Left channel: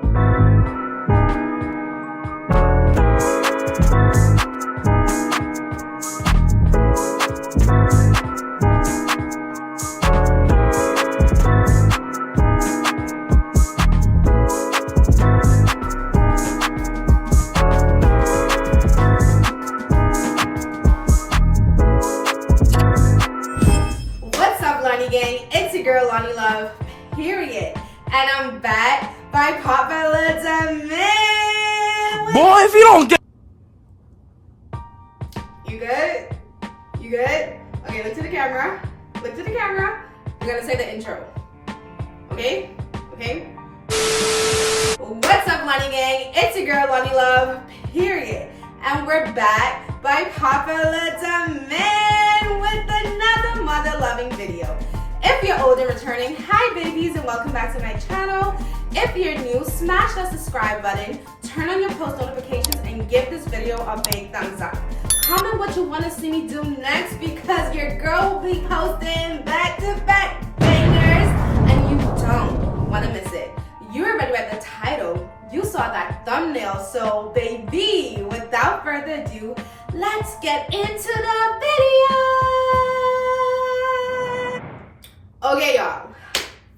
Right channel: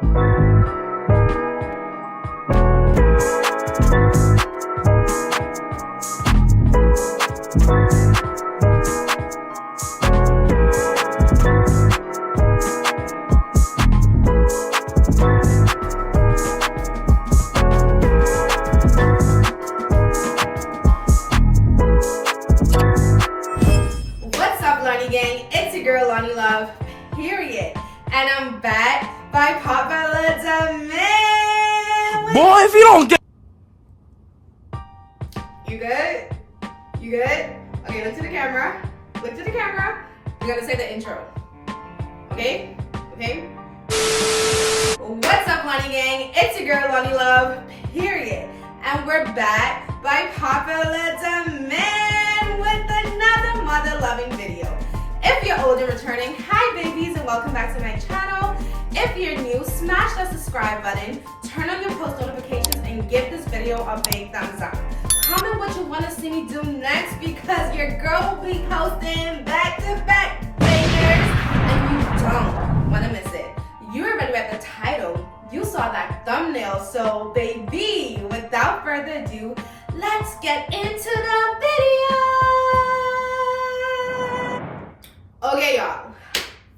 Loni gang, it's your girl Loni Love, period. And I'm back by Backkk Hello, man. Boy, if you don't get... You good? You good? Okay, look to the camera. Look to the camera. We're gonna say the intro. Okay? Okay? What's up, Loni gang? It's your girl Loni Love, period. And we're back by Backkk Hello, man, with another mother-loving video. If you're old and returning, hi babies and welcome back to my channel. If you're new, smash that subscribe button, turn on your post notifications, and give this video a big thumbs up. Comment what you want to see me do next because your girl will be posting back-to-back bangers and you don't want to miss it. You already read the title, you saw that thumbnail, so baby, without further ado, let's get into the video. Okay, y'all,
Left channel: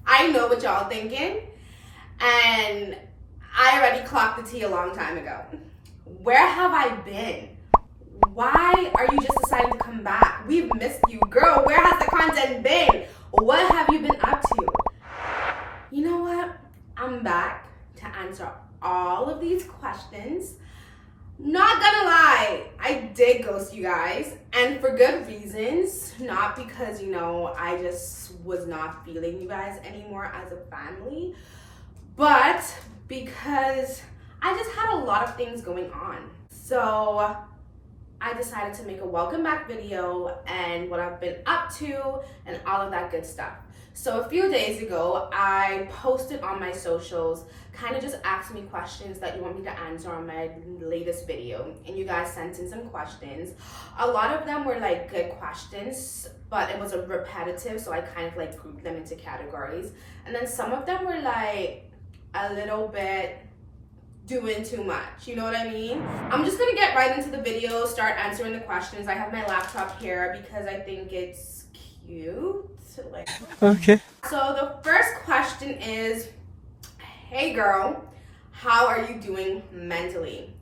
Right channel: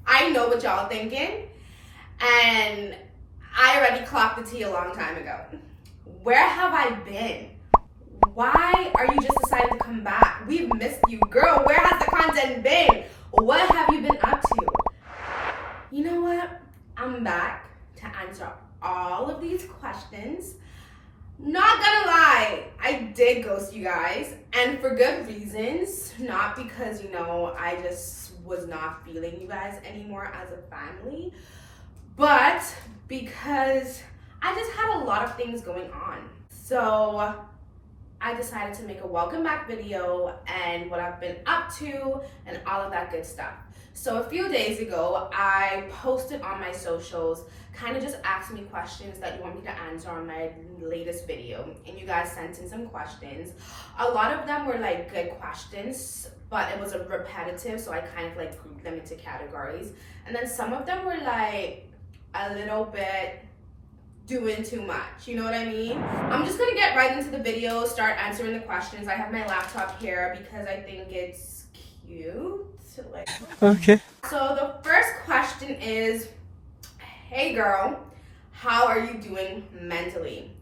I know what y'all thinking, and I already clocked the tea a long time ago. Where have I been? Why are you just deciding to come back? We've missed you, girl. Where has the content been? What have you been up to? You know what? I'm back to answer all of these questions. Not gonna lie, I did ghost you guys, and for good reasons. Not because, you know, I just was not feeling you guys anymore as a family, but because I just had a lot of things going on. So I decided to make a welcome back video and what I've been up to and all of that good stuff. So a few days ago, I posted on my socials, kind of just asked me questions that you want me to answer on my latest video. And you guys sent in some questions. A lot of them were like good questions, but it was a repetitive, so I kind of like grouped them into categories. And then some of them were like a little bit doing too much, you know what I mean? I'm just gonna get right into the video, start answering the questions. I have my laptop here because I think it's cute. Okay. So the first question is, hey girl, how are you doing mentally?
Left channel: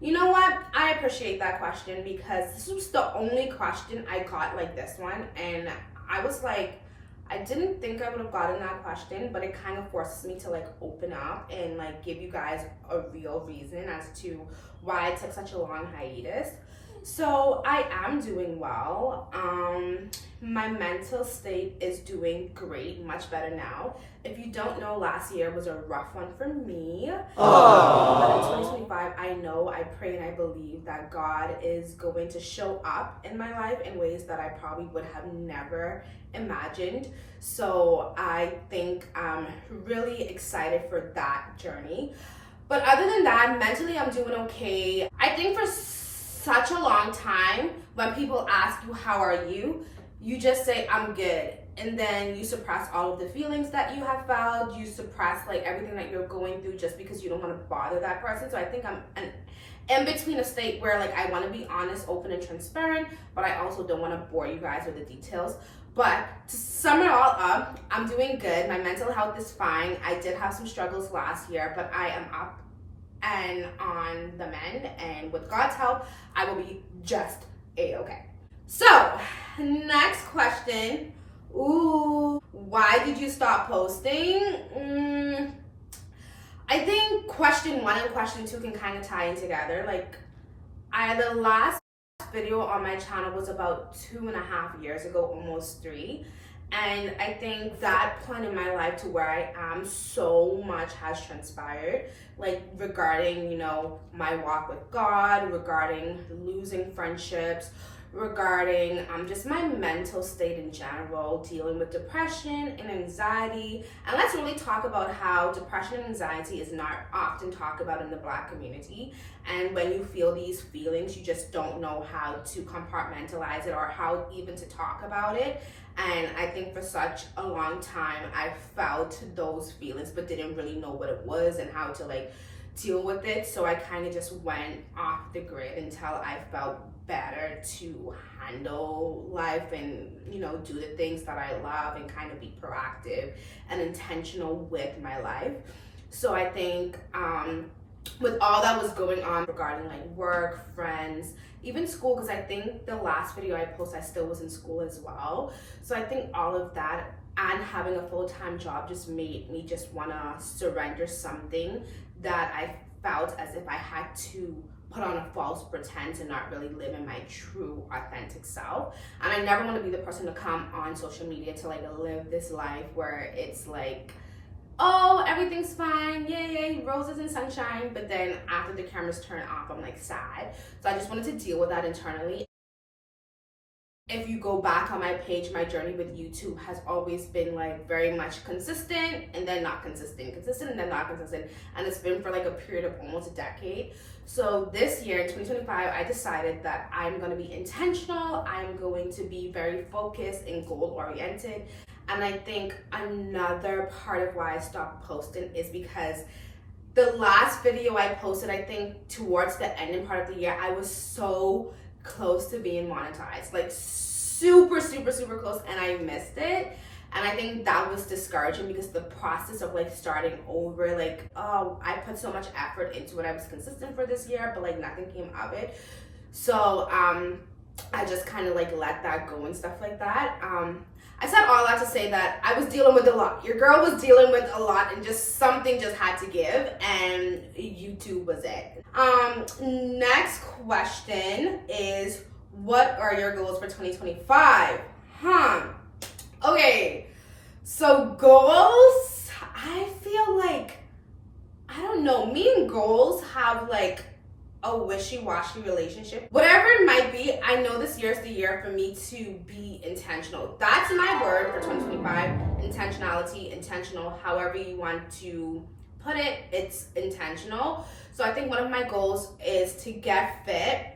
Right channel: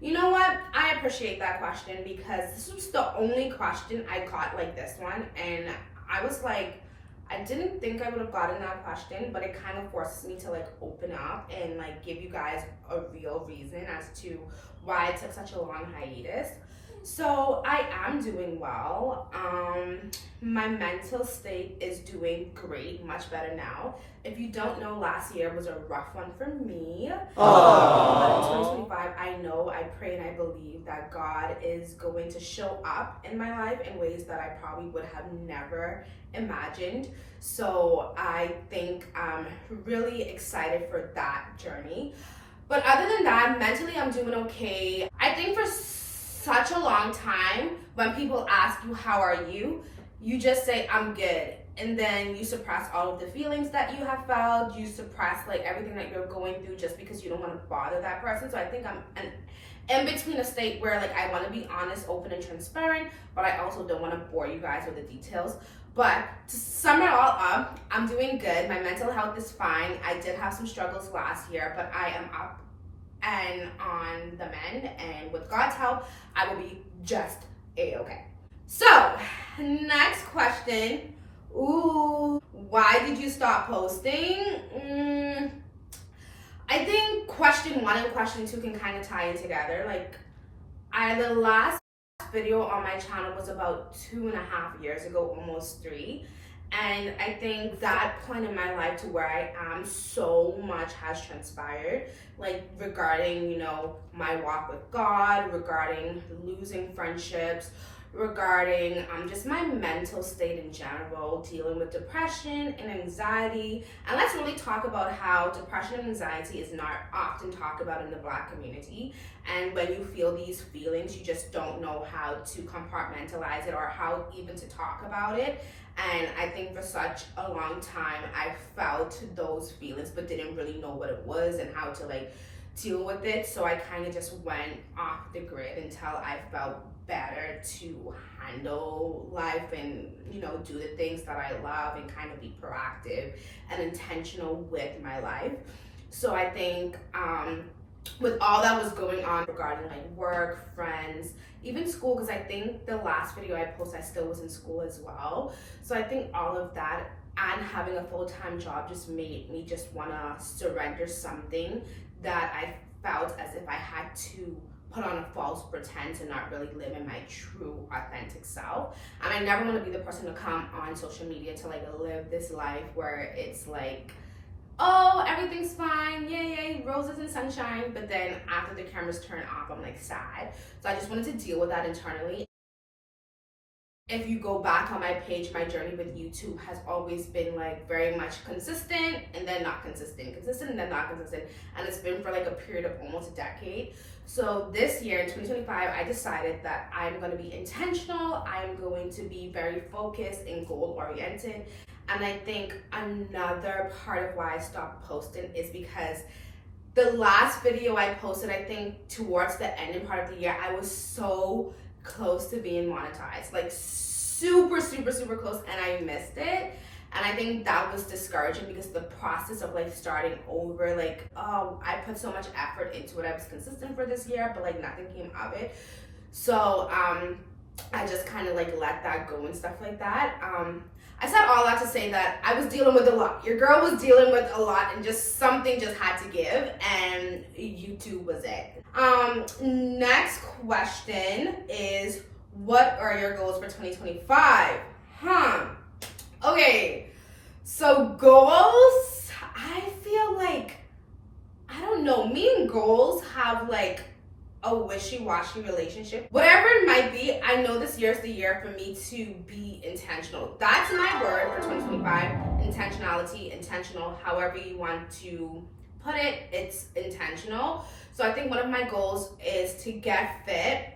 You know what? I appreciate that question because this was the only question I got like this one, and I was like, I didn't think I would have gotten that question, but it kind of forces me to like open up and like give you guys a real reason as to why I took such a long hiatus. So I am doing well. My mental state is doing great, much better now. If you don't know, last year was a rough one for me. But in 2025, I know, I pray and I believe that God is going to show up in my life in ways that I probably would have never imagined. So I think I'm really excited for that journey. But other than that, mentally I'm doing okay. I think for such a long time, when people ask you how are you, you just say I'm good, and then you suppress all of the feelings that you have felt. You suppress like everything that you're going through just because you don't want to bother that person. So I think I'm in between a state where like I want to be honest, open, and transparent, but I also don't want to bore you guys with the details. But to sum it all up, I'm doing good. My mental health is fine. I did have some struggles last year, but I am up and on the mend, and with God's help, I will be just a-okay. So, next question. Ooh, why did you stop posting? I think question 1 and question 2 can kind of tie in together. Like, the last video on my channel was about 2.5 years ago, almost 3. And I think that point in my life to where I am, so much has transpired, like regarding, you know, my walk with God, regarding losing friendships, regarding just my mental state in general, dealing with depression and anxiety. And let's really talk about how depression and anxiety is not often talked about in the Black community. And when you feel these feelings, you just don't know how to compartmentalize it or how even to talk about it. And I think for such a long time, I felt those feelings but didn't really know what it was and how to like deal with it. So I kind of just went off the grid until I felt better to handle life and, you know, do the things that I love and kind of be proactive and intentional with my life. So I think with all that was going on regarding like work, friends, even school, because I think the last video I posted, I still was in school as well. So I think all of that and having a full-time job just made me just want to surrender something that I felt as if I had to put on a false pretense and not really live in my true authentic self. And I never want to be the person to come on social media to like live this life where it's like, oh, everything's fine, yay, roses and sunshine, but then after the cameras turn off, I'm like sad. So I just wanted to deal with that internally. If you go back on my page, my journey with YouTube has always been like very much consistent and then not consistent, consistent and then not consistent. And it's been for like a period of almost a decade. So this year in 2025, I decided that I'm going to be intentional. I'm going to be very focused and goal oriented. And I think another part of why I stopped posting is because the last video I posted, I think towards the ending part of the year, I was so close to being monetized, like super close, and I missed it. And I think that was discouraging because the process of like starting over, like, oh, I put so much effort into it. I was consistent for this year, but like nothing came of it. So I just kind of like let that go and stuff like that. I said all that to say that I was dealing with a lot. Your girl was dealing with a lot, and just something just had to give, and YouTube was it. Next question is, what are your goals for 2025? Okay, so goals, I feel like, I don't know, me and goals have like a wishy-washy relationship. Whatever it might be, I know this year is the year for me to be intentional. That's my word for 2025, intentionality, intentional, however you want to put it, it's intentional. So I think one of my goals is to get fit.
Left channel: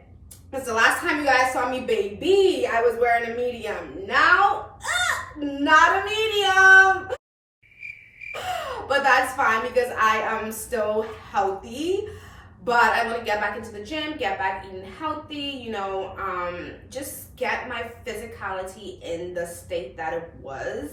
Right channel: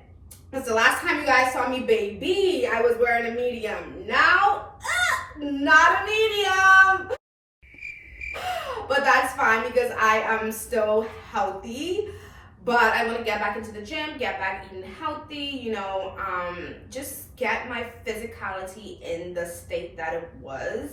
Because the last time you guys saw me, baby, I was wearing a medium. Now, not a medium. But that's fine because I am still healthy. But I want to get back into the gym, get back eating healthy, you know, just get my physicality in the state that it was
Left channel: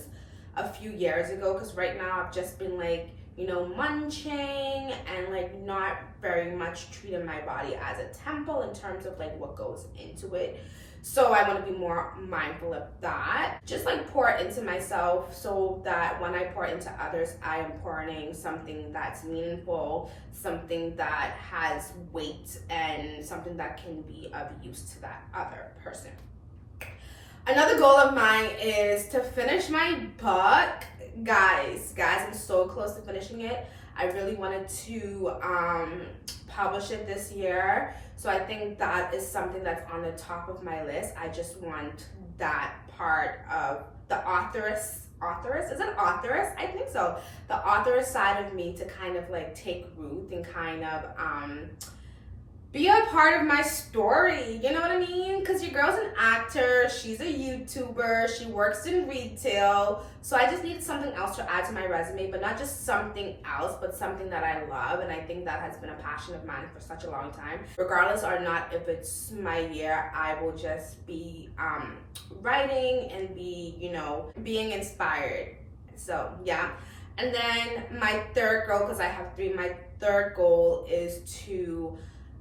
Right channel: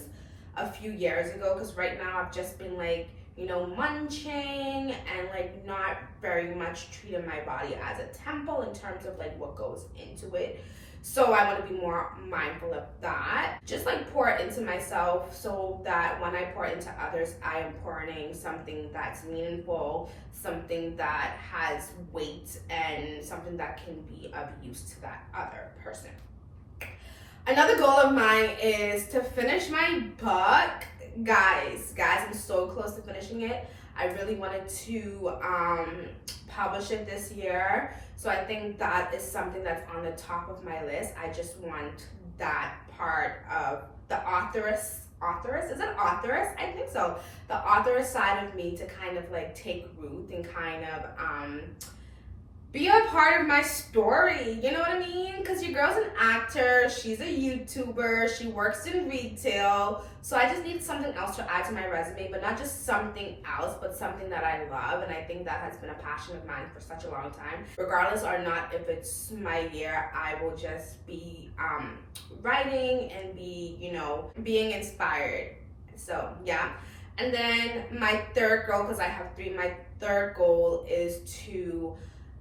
a few years ago. Because right now I've just been like, you know, munching and like not very much treating my body as a temple in terms of like what goes into it. So I want to be more mindful of that. Just like pour into myself so that when I pour into others, I am pouring something that's meaningful, something that has weight, and something that can be of use to that other person. Another goal of mine is to finish my book. Guys, I'm so close to finishing it. I really wanted to publish it this year. So I think that is something that's on the top of my list. I just want that part of the authoress, is it authoress? I think so. The authoress side of me to kind of like take root and kind of be a part of my story, you know what I mean? Because your girl's an actor, she's a YouTuber, she works in retail, so I just need something else to add to my resume, but not just something else, but something that I love, and I think that has been a passion of mine for such a long time. Regardless or not if it's my year, I will just be writing and be, you know, being inspired. So yeah. And then my third goal, because I have three, my third goal is to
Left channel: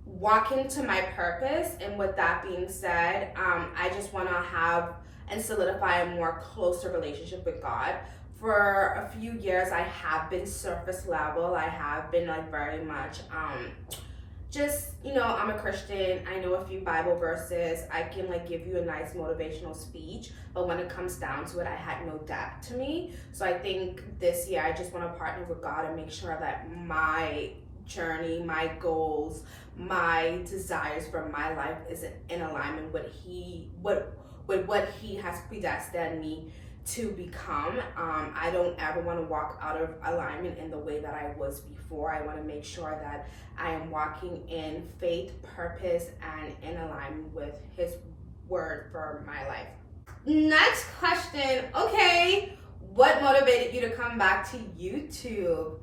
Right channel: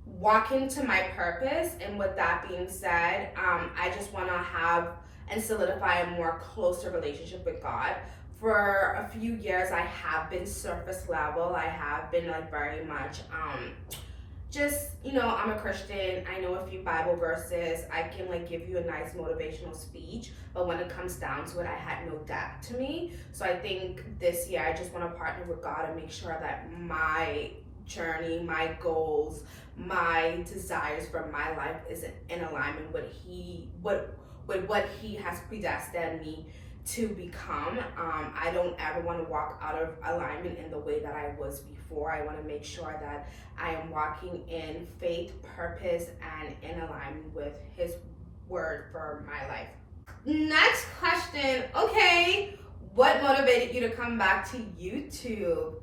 walk into my purpose. And with that being said, I just want to have and solidify a more closer relationship with God. For a few years, I have been surface level. I have been like very much just, you know, I'm a Christian, I know a few Bible verses, I can like give you a nice motivational speech, but when it comes down to it, I had no depth to me. So I think this year I just want to partner with God and make sure that my journey, my goals, my desires for my life is in alignment with what he has predestined me to become. I don't ever want to walk out of alignment in the way that I was before. I want to make sure that I am walking in faith, purpose, and in alignment with his word for my life. Next question. Okay, what motivated you to come back to YouTube?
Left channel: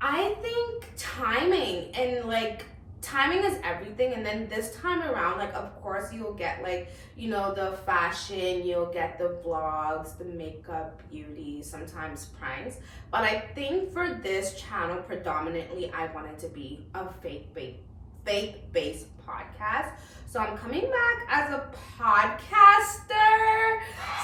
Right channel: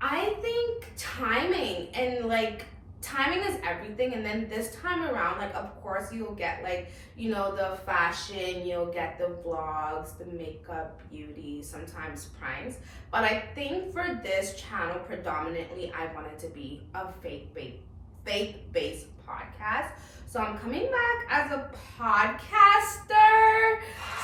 I think timing, and like timing is everything. And then this time around, like, of course you'll get like, you know, the fashion, you'll get the vlogs, the makeup, beauty, sometimes pranks. But I think for this channel predominantly I wanted to be a faith-based podcast. So I'm coming back as a podcaster.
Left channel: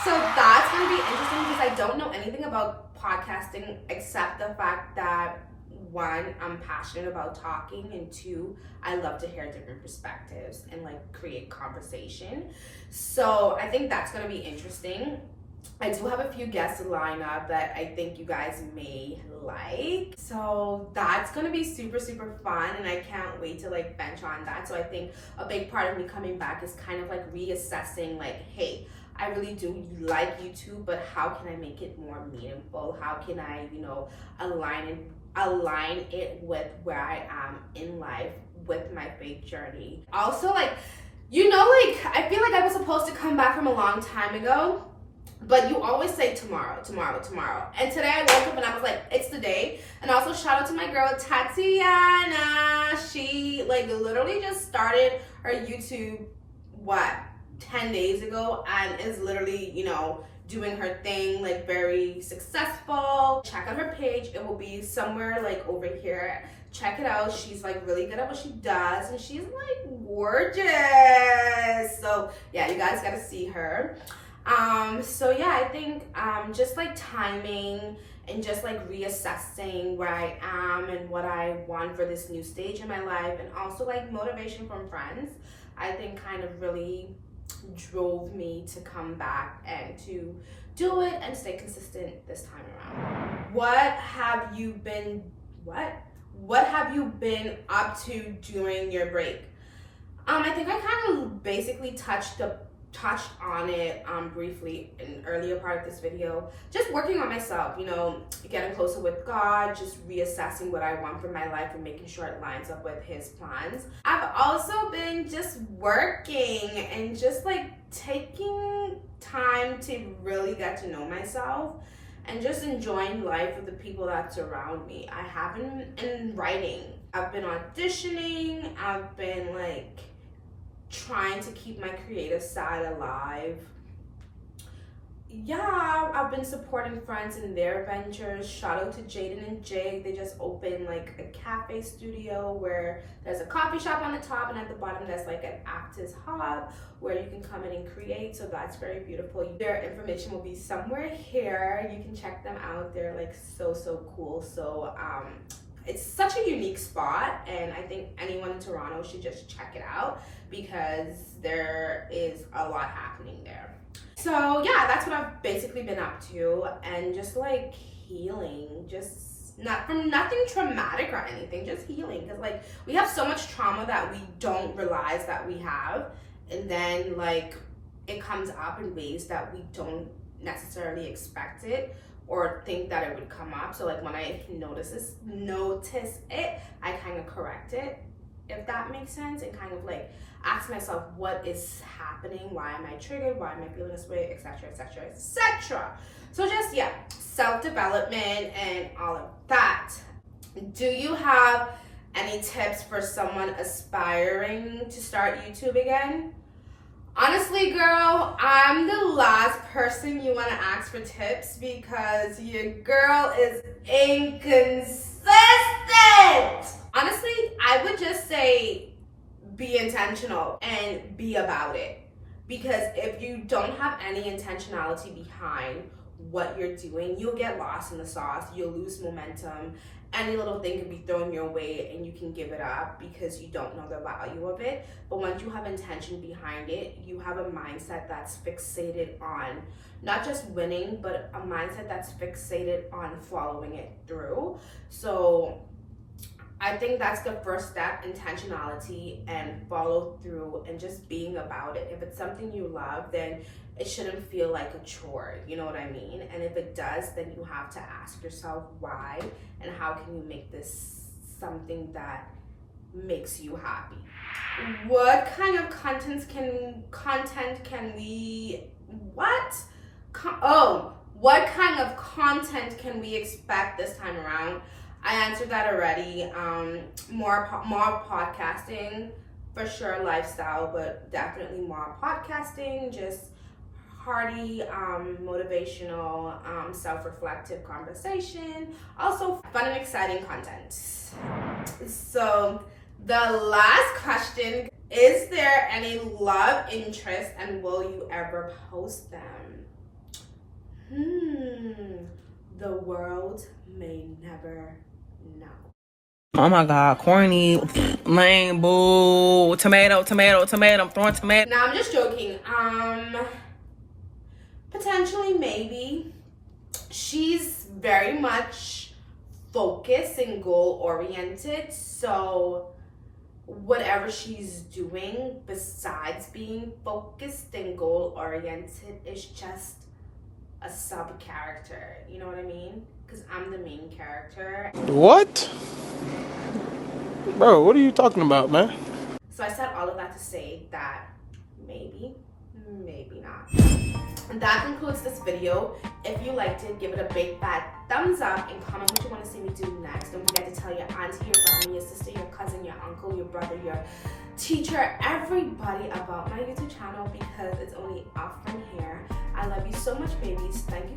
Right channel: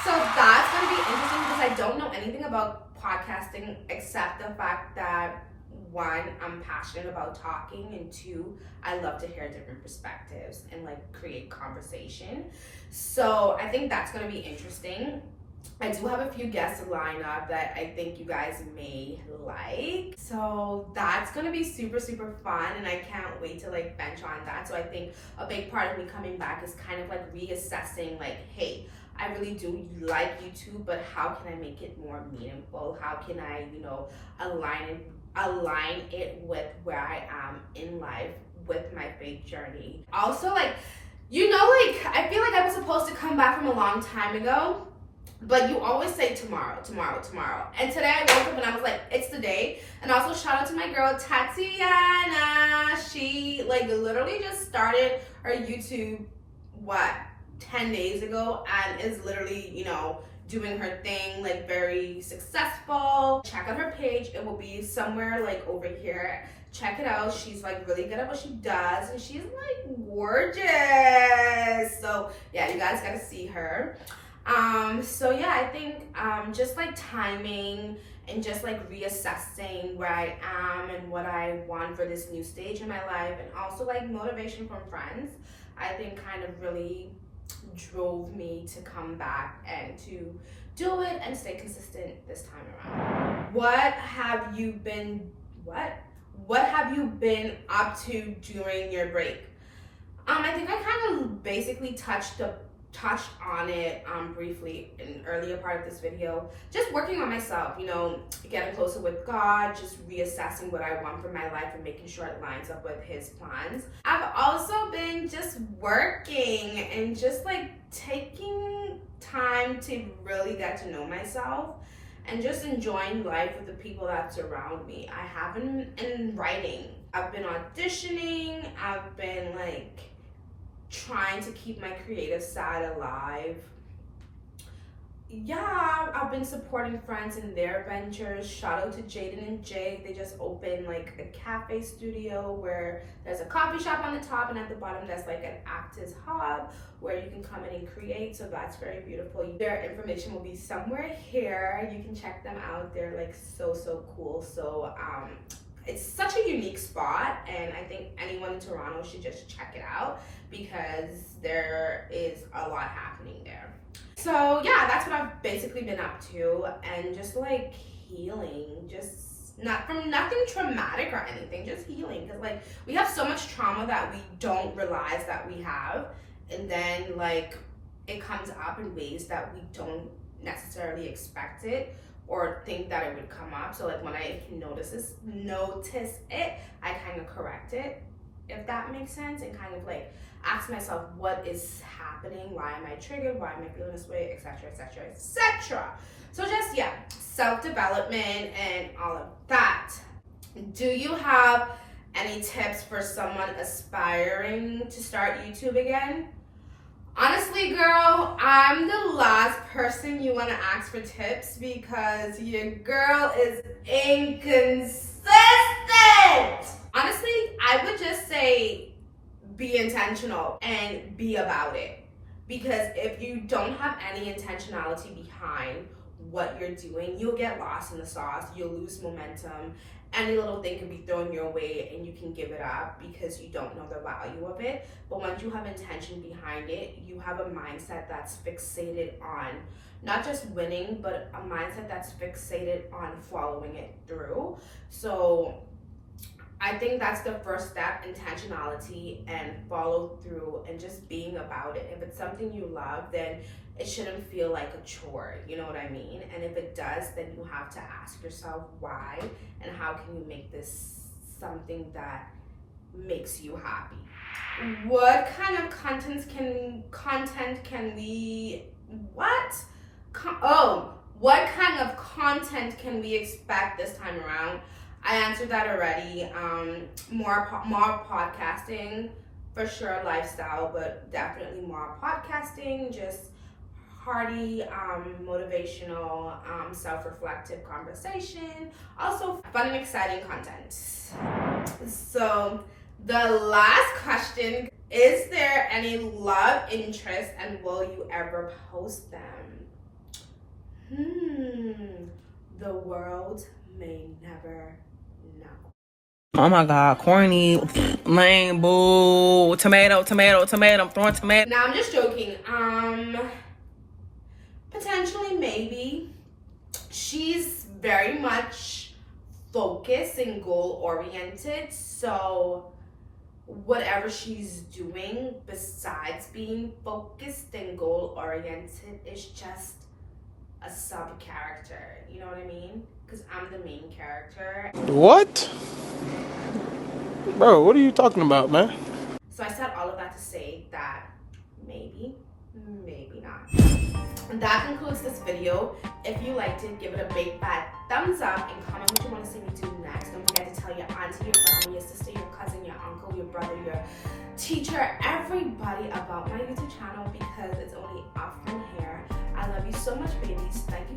So that's gonna be interesting because I don't know anything about podcasting except the fact that one, I'm passionate about talking, and two, I love to hear different perspectives and like create conversation. So I think that's gonna be interesting. I do have a few guests lined up that I think you guys may like. So that's gonna be super, super fun, and I can't wait to like bench on that. So I think a big part of me coming back is kind of like reassessing like, hey, I really do like YouTube, but how can I make it more meaningful? How can I, you know, align it with where I am in life with my faith journey? Also, like, you know, like I feel like I was supposed to come back from a long time ago, but you always say tomorrow. And today I woke up and I was like, it's the day. And also shout out to my girl Tatiana. She like literally just started her YouTube 10 days ago and is literally, you know, doing her thing, like very successful. Check out her page. It will be somewhere like over here. Check it out. She's like really good at what she does, and she's like gorgeous. So yeah, you guys gotta see her. So yeah, I think just like timing and just like reassessing where I am and what I want for this new stage in my life, and also like motivation from friends, I think kind of really drove me to come back and to do it and stay consistent this time around. What have you been up to during your break? I think I kind of basically touched on it briefly in an earlier part of this video. Just working on myself, you know, getting closer with God, just reassessing what I want for my life and making sure it lines up with his plans. I've also been just working and just like taking time to really get to know myself and just enjoying life with the people that surround me. I haven't in writing. I've been auditioning. I've been like trying to keep my creative side alive. Yeah, I've been supporting friends in their ventures. Shout out to Jaden and Jake. They just opened like a cafe studio where there's a coffee shop on the top, and at the bottom there's like an actors hub where you can come in and create. So that's very beautiful. Their information will be somewhere here. You can check them out. They're like so cool. So it's such a unique spot, and I think anyone in Toronto should just check it out because there is a lot happening there. So yeah, that's what I've basically been up to, and just like healing, just nothing traumatic or anything, just healing, because like we have so much trauma that we don't realize that we have, and then like it comes up in ways that we don't necessarily expect it or think that it would come up. So like when I notice it, I kind of correct it, if that makes sense, and kind of like ask myself what is happening, why am I triggered, why am I feeling this way, etc. So just yeah, self-development and all of that. Do you have any tips for someone aspiring to start YouTube again? Honestly, girl, I'm the last person you want to ask for tips because your girl is inconsistent. Honestly, I would just say be intentional and be about it, because if you don't have any intentionality behind what you're doing, you'll get lost in the sauce, you'll lose momentum, any little thing can be thrown your way and you can give it up because you don't know the value of it. But once you have intention behind it, you have a mindset that's fixated on not just winning, but a mindset that's fixated on following it through. So I think that's the first step, intentionality and follow through and just being about it. If it's something you love, then it shouldn't feel like a chore, you know what I mean? And if it does, then you have to ask yourself why and how can you make this something that makes you happy. What kind of content can we what kind of content can we expect this time around? I answered that already. More podcasting, for sure, lifestyle, but definitely more podcasting, just hearty, motivational, self-reflective conversation. Also fun and exciting content. So the last question, is there any love interest and will you ever post them? The world may never know. Oh my God, corny, lame, boo, tomato, I'm throwing tomato. Now I'm just joking. Potentially, maybe. She's very much focused and goal oriented, so whatever she's doing besides being focused and goal oriented is just a sub character, you know what I mean? Because I'm the main character. What? Bro, what are you talking about, man? So I said all of that to say that maybe not. And that concludes this video. If you liked it, give it a big fat thumbs up and comment what you want to see me do next. Don't forget to tell your auntie, your grandma, your sister, your cousin, your uncle, your brother, your teacher, everybody about my YouTube channel because it's only up from here. I love you so much, babies. Thank you